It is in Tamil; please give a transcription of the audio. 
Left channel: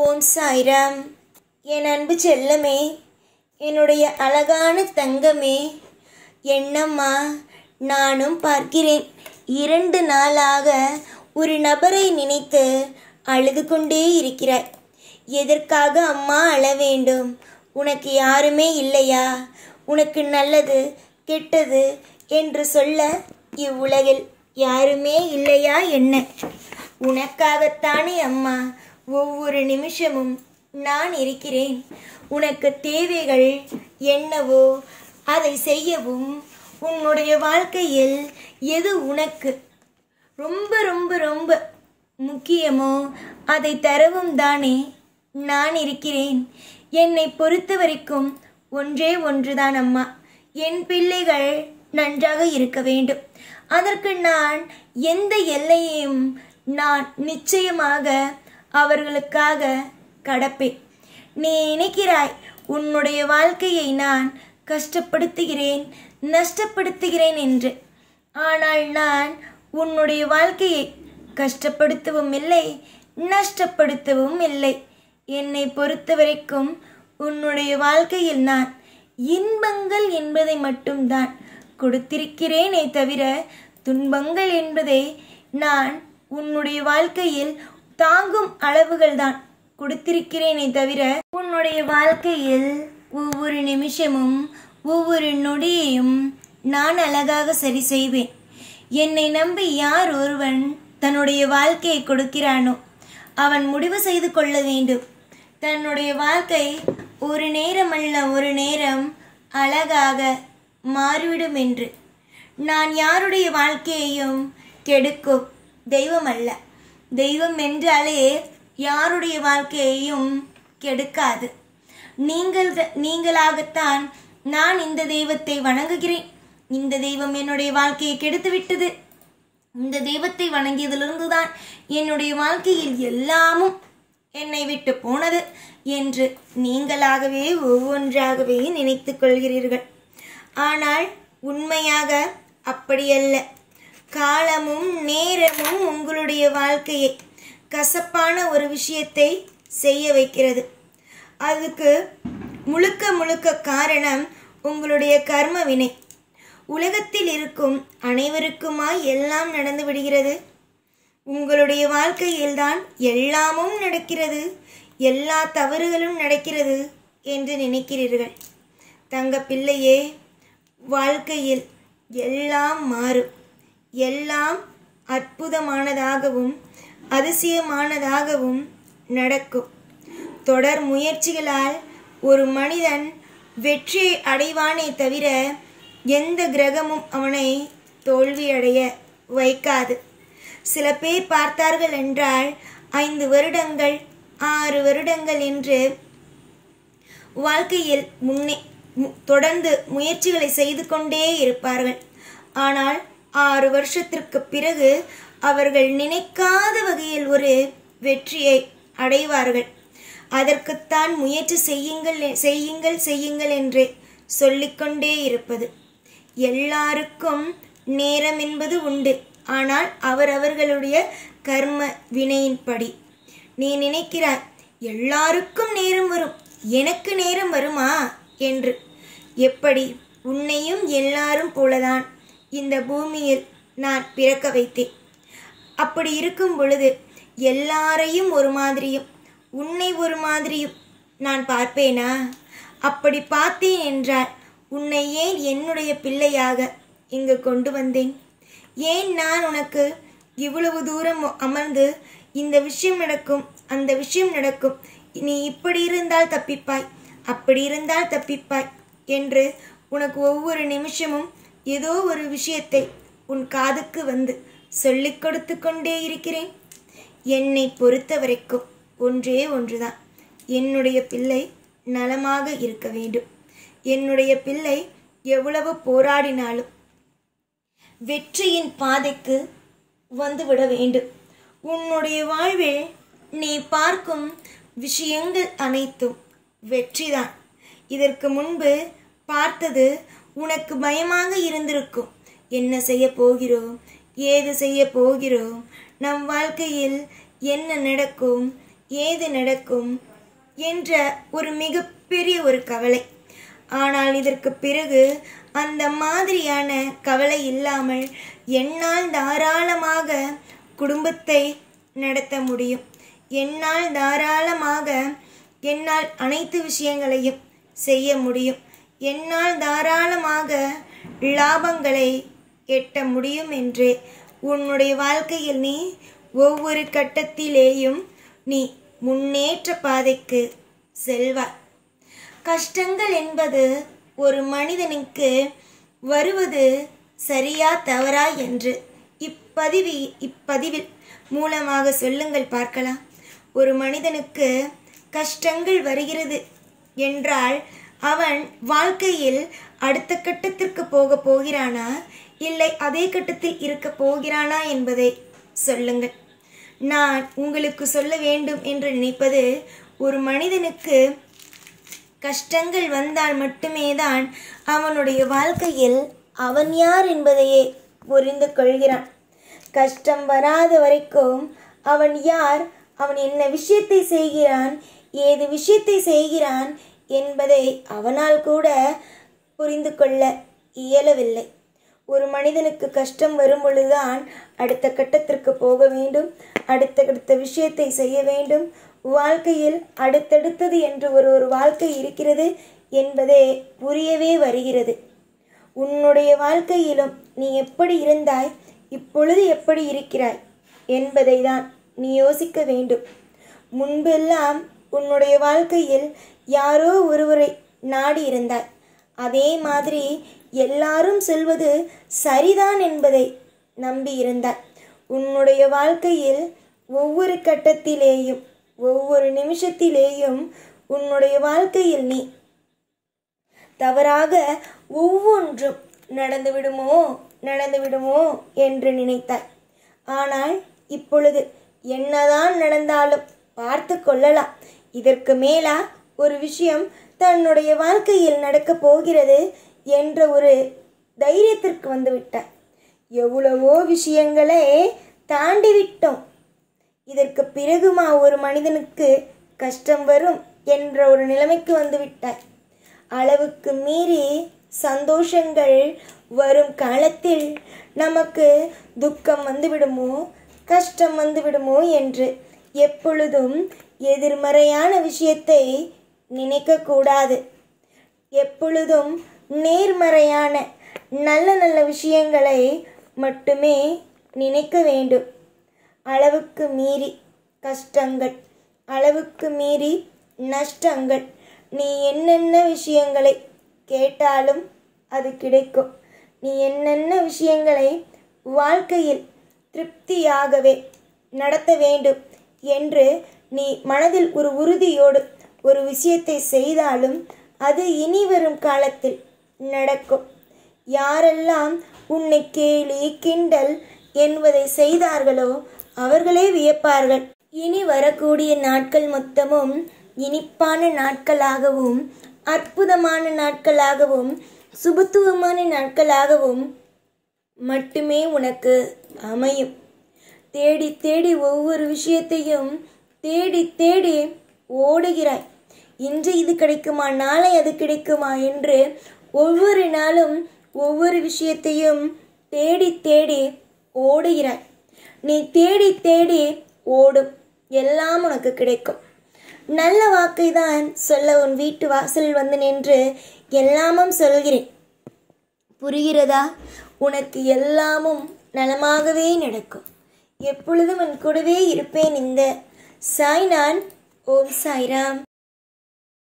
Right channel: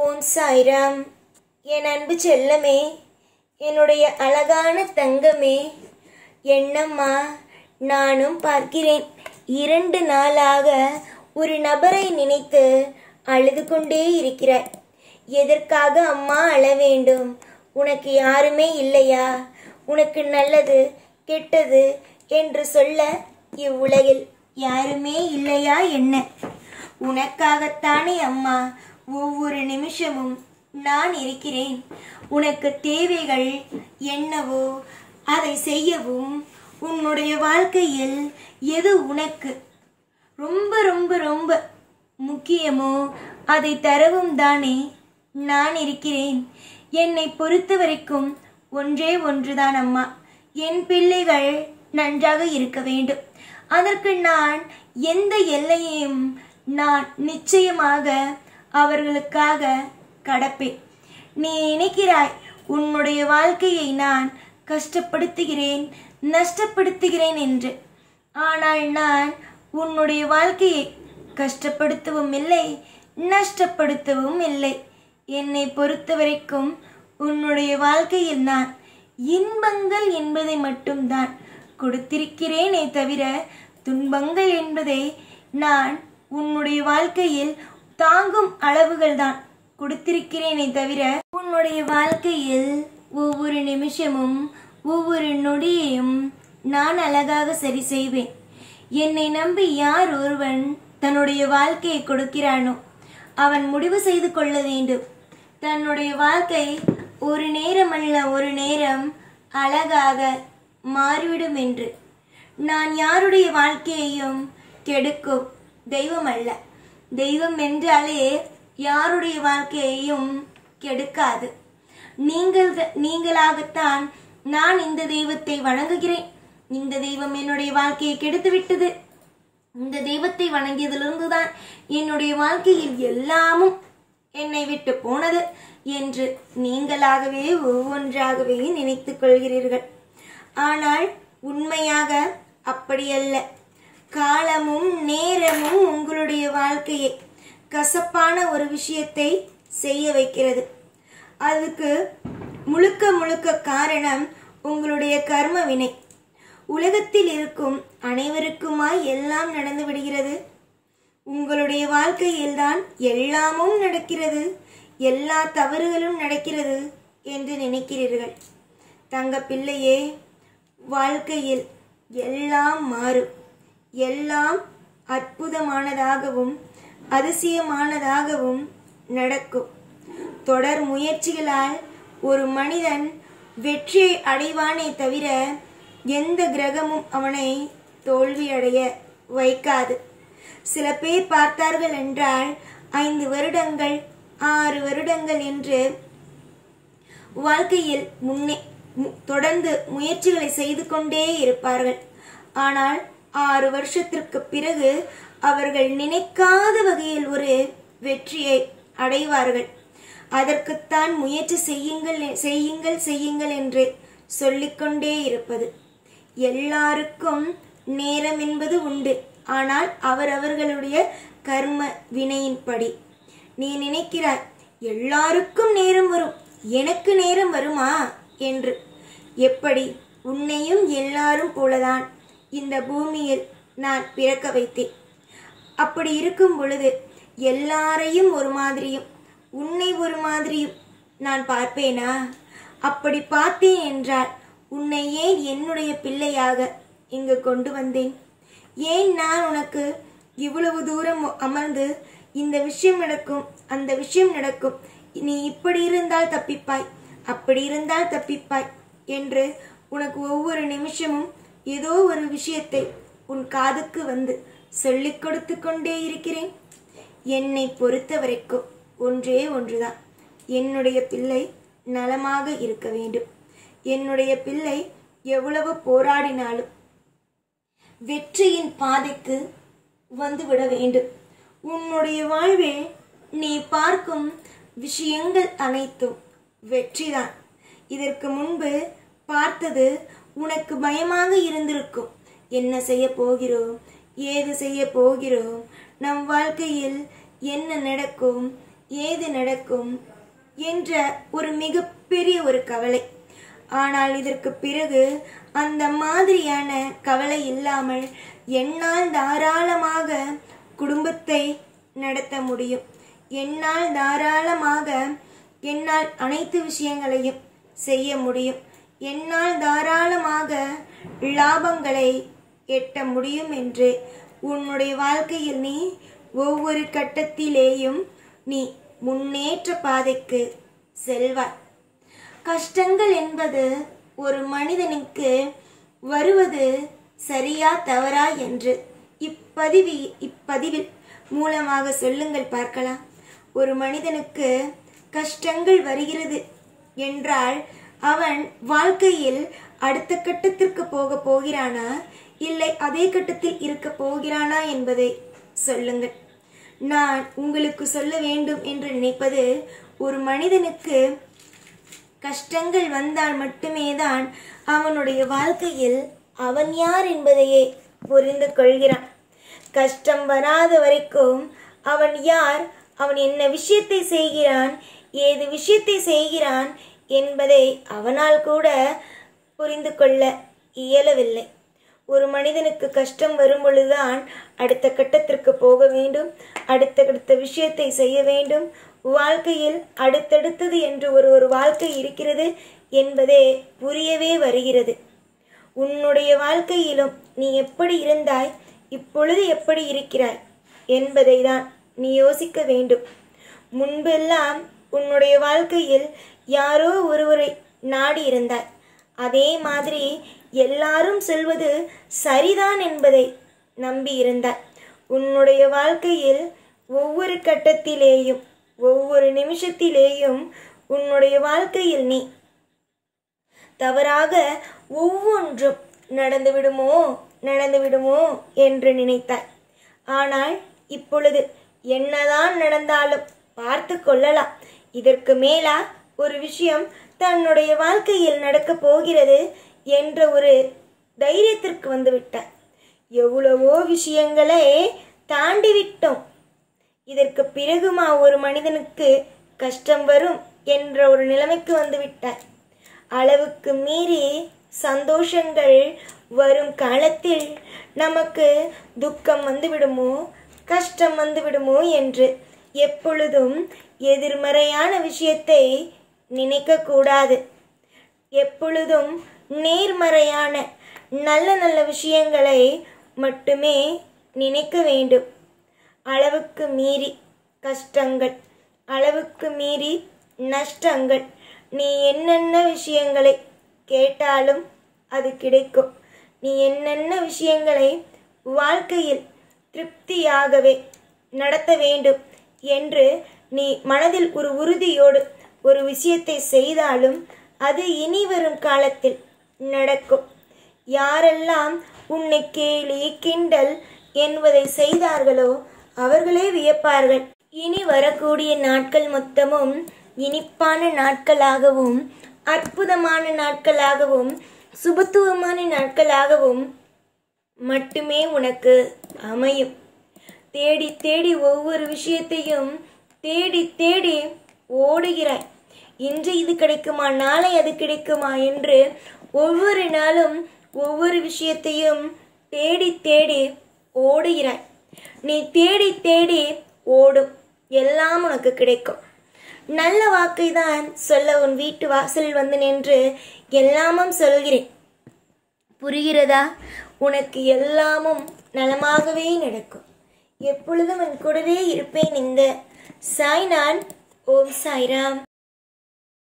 ஓம் சாய்ராம். என் அன்பு செல்லமே, என்னுடைய அழகான தங்கமே, என்னம்மா நானும் பார்க்கிறேன். 2 நாளாக ஒரு நபரை நினைத்து அழுது கொண்டே இருக்கிறாய். எதற்காக அம்மா அழ வேண்டும்? உனக்கு யாருமே இல்லையா? உனக்கு நல்லது கெட்டது என்று சொல்ல இவ்வுலகில் யாருமே இல்லையா என்ன? உனக்காகத்தானே அம்மா ஒவ்வொரு நிமிஷமும் நான் இருக்கிறேன். உனக்கு தேவைகள் என்னவோ அதை செய்யவும், உன்னுடைய வாழ்க்கையில் எது உனக்கு ரொம்ப ரொம்ப ரொம்ப முக்கியமோ அதை தரவும் தானே நான் இருக்கிறேன். என்னை பொறுத்த வரைக்கும் ஒன்றே ஒன்றுதான் அம்மா, என் பிள்ளைகள் நன்றாக இருக்க வேண்டும். அதற்கு நான் எந்த எல்லையையும் நான் நிச்சயமாக அவர்களுக்காக கடப்பேன். நீ நினைக்கிறாய் உன்னுடைய வாழ்க்கையை நான் கஷ்டப்படுத்துகிறேன், நஷ்டப்படுத்துகிறேன் என்று. ஆனால் நான் உன்னுடைய வாழ்க்கையை கஷ்டப்படுத்தவும் இல்லை, நஷ்டப்படுத்தவும் இல்லை. என்னை பொறுத்த வரைக்கும் உன்னுடைய வாழ்க்கையில் நான் இன்பங்கள் என்பதை மட்டும்தான் கொடுத்திருக்கிறேனே தவிர துன்பங்கள் என்பதை நான் உன்னுடைய வாழ்க்கையில் தாங்கும் அளவுகள் தான் கொடுத்திருக்கிறேனே தவிர உன்னுடைய வாழ்க்கையில் ஒவ்வொரு நிமிஷமும் ஒவ்வொரு நொடியையும் நான் அழகாக சரி செய்வேன். என்னை நம்பி யார் ஒருவன் தன்னுடைய வாழ்க்கையை கொடுக்கிறானோ அவன் முடிவு செய்து கொள்ள வேண்டும். தன்னுடைய வாழ்க்கை ஒரு நேரம் அல்ல ஒரு நேரம் அழகாக மாறிவிடும் என்று. நான் யாருடைய வாழ்க்கையையும் கெடுக்கும் தெய்வம் அல்ல. தெய்வம் என்றாலே யாருடைய வாழ்க்கையையும் கெடுக்காது. நீங்களாகத்தான் நான் இந்த தெய்வத்தை வணங்குகிறேன். இந்த தெய்வம் என்னுடைய வாழ்க்கையை கெடுத்து விட்டது, இந்த தெய்வத்தை வணங்கியதிலிருந்து தான் என்னுடைய வாழ்க்கையில் எல்லாமும் என்னை விட்டு போனது என்று நீங்களாகவே ஒவ்வொன்றாகவே நினைத்துக் கொள்கிறீர்கள். ஆனால் உண்மையாக அப்படியல்ல. காலமும் நேரமும் உங்களுடைய வாழ்க்கையை கசப்பான ஒரு விஷயத்தை செய்ய வைக்கிறது. அதுக்கு முழுக்க முழுக்க காரணம் உங்களுடைய கர்ம வினை. உலகத்தில் இருக்கும் அனைவருக்குமாய் எல்லாம் நடந்து விடுகிறது. உங்களுடைய வாழ்க்கையில்தான் எல்லாமும் நடக்கிறது, எல்லா தவறுகளும் நடக்கிறது என்று நினைக்கிறீர்கள். தங்க பிள்ளையே, வாழ்க்கையில் எல்லாம் மாறும். எல்லாம் அற்புதமானதாகவும் அதிசயமானதாகவும் நடக்கும். தொடர் முயற்சிகளால் ஒரு மனிதன் வெற்றியை அடைவானே தவிர எந்த கிரகமும் அவனை தோல்வியடைய வைக்காது. சில பேர் பார்த்தார்கள் என்றால் 5 வருடங்கள் 6 வருடங்கள் என்று வாழ்க்கையில் தொடர்ந்து முயற்சிகளை செய்து கொண்டே இருப்பார்கள். ஆனால் 6 வருஷத்திற்கு பிறகு அவர்கள் நினைக்காத வகையில் ஒரு வெற்றியை அடைவார்கள். அதற்குத்தான் முயற்சி செய்யுங்கள் என்று சொல்லிக்கொண்டே இருப்பது. எல்லாருக்கும் நேரம் என்பது உண்டு. ஆனால் அவரவர்களுடைய கர்ம வினையின்படி. நீ நினைக்கிறாய் எல்லாருக்கும் நேரம் வரும், எனக்கு நேரம் வருமா என்று. எப்படி? உன்னையும் எல்லாரும் போலதான் இந்த பூமியில் நான் பிறக்க வைத்தேன். அப்படி இருக்கும் பொழுது எல்லாரையும் ஒரு மாதிரியும் உன்னை ஒரு மாதிரியும் நான் பார்ப்பேனா? அப்படி பார்த்தேன் என்றால் உன்னை ஏன் என்னுடைய பிள்ளையாக இங்கு கொண்டு வந்தேன்? ஏன் நான் உனக்கு இவ்வளவு தூரம் அமர்ந்து இந்த விஷயம் நடக்கும், அந்த விஷயம் நடக்கும், நீ இப்படி இருந்தால் தப்பிப்பாய், அப்படி இருந்தால் தப்பிப்பாய் என்று உனக்கு ஒவ்வொரு நிமிஷமும் ஏதோ ஒரு விஷயத்தை உன் காதுக்கு வந்து சொல்லிக் கொடுத்து கொண்டே இருக்கிறேன். என்னை பொறுத்த வரைக்கும் ஒன்றே ஒன்றுதான், என்னுடைய பிள்ளை நலமாக இருக்க வேண்டும். என்னுடைய பிள்ளை எவ்வளவு போராடினாலும் வெற்றியின் பாதைக்கு வந்துவிட வேண்டும். உன்னுடைய வாழ்வில் நீ பார்க்கும் விஷயங்கள் அனைத்தும் வெற்றிதான். இதற்கு முன்பு பார்த்தது உனக்கு பயமாக இருந்திருக்கும். என்ன செய்ய போகிறோம், ஏது செய்ய போகிறோம், நம் வாழ்க்கையில் என்ன நடக்கும், ஏது நடக்கும் என்ற ஒரு மிகப்பெரிய ஒரு கவலை. ஆனால் இதற்கு பிறகு அந்த மாதிரியான கவலை இல்லாமல் என்னால் தாராளமாக குடும்பத்தை நடத்த முடியும், என்னால் தாராளமாக என்னால் அனைத்து விஷயங்களையும் செய்ய முடியும், என்னால் தாராளமாக லாபங்களை எட்ட முடியும் என்று உன்னுடைய வாழ்க்கையில் நீ ஒவ்வொரு கட்டத்திலேயும் நீ முன்னேற்ற பாதைக்கு செல்வாய். கஷ்டங்கள் என்பது ஒரு மனிதனுக்கு வருவது சரியா தவறா என்று இப்பதிவில் மூலமாக சொல்லுங்கள் பார்க்கலாம். ஒரு மனிதனுக்கு கஷ்டங்கள் வருகிறது என்றால் அவன் வாழ்க்கையில் அடுத்த கட்டத்திற்கு போக போகிறானா இல்லை அதே கட்டத்தில் இருக்க போகிறானா என்பதை சொல்லுங்கள். நான் உங்களுக்கு சொல்ல வேண்டும் என்று நினைப்பது, ஒரு மனிதனுக்கு கஷ்டங்கள் வந்தால் மட்டுமே தான் அவனுடைய வாழ்க்கையில் அவன் யார் என்பதையே புரிந்து கொள்கிறான். கஷ்டம் வராத வரைக்கும் அவன் யார், அவன் என்ன விஷயத்தை செய்கிறான், ஏது விஷயத்தை செய்கிறான் என்பதை அவனால் கூட புரிந்து கொள்ள இயலவில்லை. ஒரு மனிதனுக்கு கஷ்டம் வரும் பொழுதுதான் அடுத்த கட்டத்திற்கு போக வேண்டும், அடுத்த விஷயத்தை செய்ய வேண்டும். வாழ்க்கையில் அடுத்தடுத்தது என்று ஒரு வாழ்க்கை இருக்கிறது என்பதே புரியவே வருகிறது. உன்னுடைய வாழ்க்கையிலும் நீ எப்படி இருந்தாய், இப்பொழுது எப்படி இருக்கிறாய் என்பதை தான் நீ யோசிக்க வேண்டும். முன்பெல்லாம் உன்னுடைய வாழ்க்கையில் யாரோ ஒருவரை நாடி இருந்தாய், அதே மாதிரி எல்லாரும் சொல்வது சரிதான் என்பதை நம்பி இருந்தாய். உன்னுடைய வாழ்க்கையில் ஒவ்வொரு கட்டத்திலேயும் ஒவ்வொரு நிமிஷத்திலேயும் உன்னுடைய வாழ்க்கையில் நீ தவறாக ஒவ்வொன்றும் நடந்துவிடுமோ என்று நினைத்தாய். ஆனால் இப்பொழுது என்னதான் நடந்தாலும் பார்த்து கொள்ளலாம், இதற்கு மேலா ஒரு விஷயம் தன்னுடைய வாழ்க்கையில் நடக்கப் போகிறது என்ற ஒரு தைரியத்திற்கு வந்துவிட்டாய். எவ்வளவோ விஷயங்களை தாண்டிவிட்டோம், இதற்கு பிறகுமா ஒரு மனிதனுக்கு கஷ்டம் வரும் என்ற ஒரு நிலைமைக்கு வந்துவிட்டாய். அளவுக்கு மீறி சந்தோஷங்கள் வரும் காலத்தில் நமக்கு துக்கம் வந்துவிடுமோ கஷ்டம் வந்துவிடுமோ என்று எப்பொழுதும் எதிர்மறையான விஷயத்தை நினைக்கக்கூடாது. எப்பொழுதும் நேர்மறையான நல்ல விஷயங்களை மட்டுமே நினைக்க வேண்டும். அளவுக்கு மீறி கஷ்டங்கள், அளவுக்கு மீறி நஷ்டங்கள், நீ என்னென்ன விஷயங்களை கேட்டாலும் அது கிடைக்கும். நீ என்னென்ன விஷயங்களை வாழ்க்கையில் திருப்தியாகவே நடத்த வேண்டும் என்று நீ மனதில் ஒரு உறுதியோடு ஒரு விஷயத்தை செய்தாலும் அது இனி வரும் காலத்தில் நடக்கும். யாரெல்லாம் உன்னை கேலி கிண்டல் என்பதை செய்தார்களோ அவர்களே வியப்பார்கள். இனி வரக்கூடிய நாட்கள் மொத்தமும் இனிப்பான நாட்களாகவும் அற்புதமான நாட்களாகவும் சுபத்துவமான நாட்களாகவும் மட்டுமே உனக்கு அமையும். தேடி தேடி ஒவ்வொரு விஷயத்தையும் தேடி ஓடுகிறாய். இன்று இது கிடைக்குமா, நாளை அது கிடைக்குமா என்று ஒவ்வொரு நாளும் ஒவ்வொரு விஷயத்தையும் தேடி ஓடுகிறாய். நீ தேடி ஓடும் எல்லாம் உனக்கு கிடைக்கும். நல்ல வாக்கை தான் சொல்ல உன் வீட்டு வாசல் வந்து நின்று எல்லாமும் சொல்கிறேன். புரிகிறதா? உனக்கு எல்லாமும் நலமாகவே நடக்கும். எப்பொழுதும் உன் கூடவே இருப்பேன். இந்த சாய்நான். ஓம் சாய்ராம்.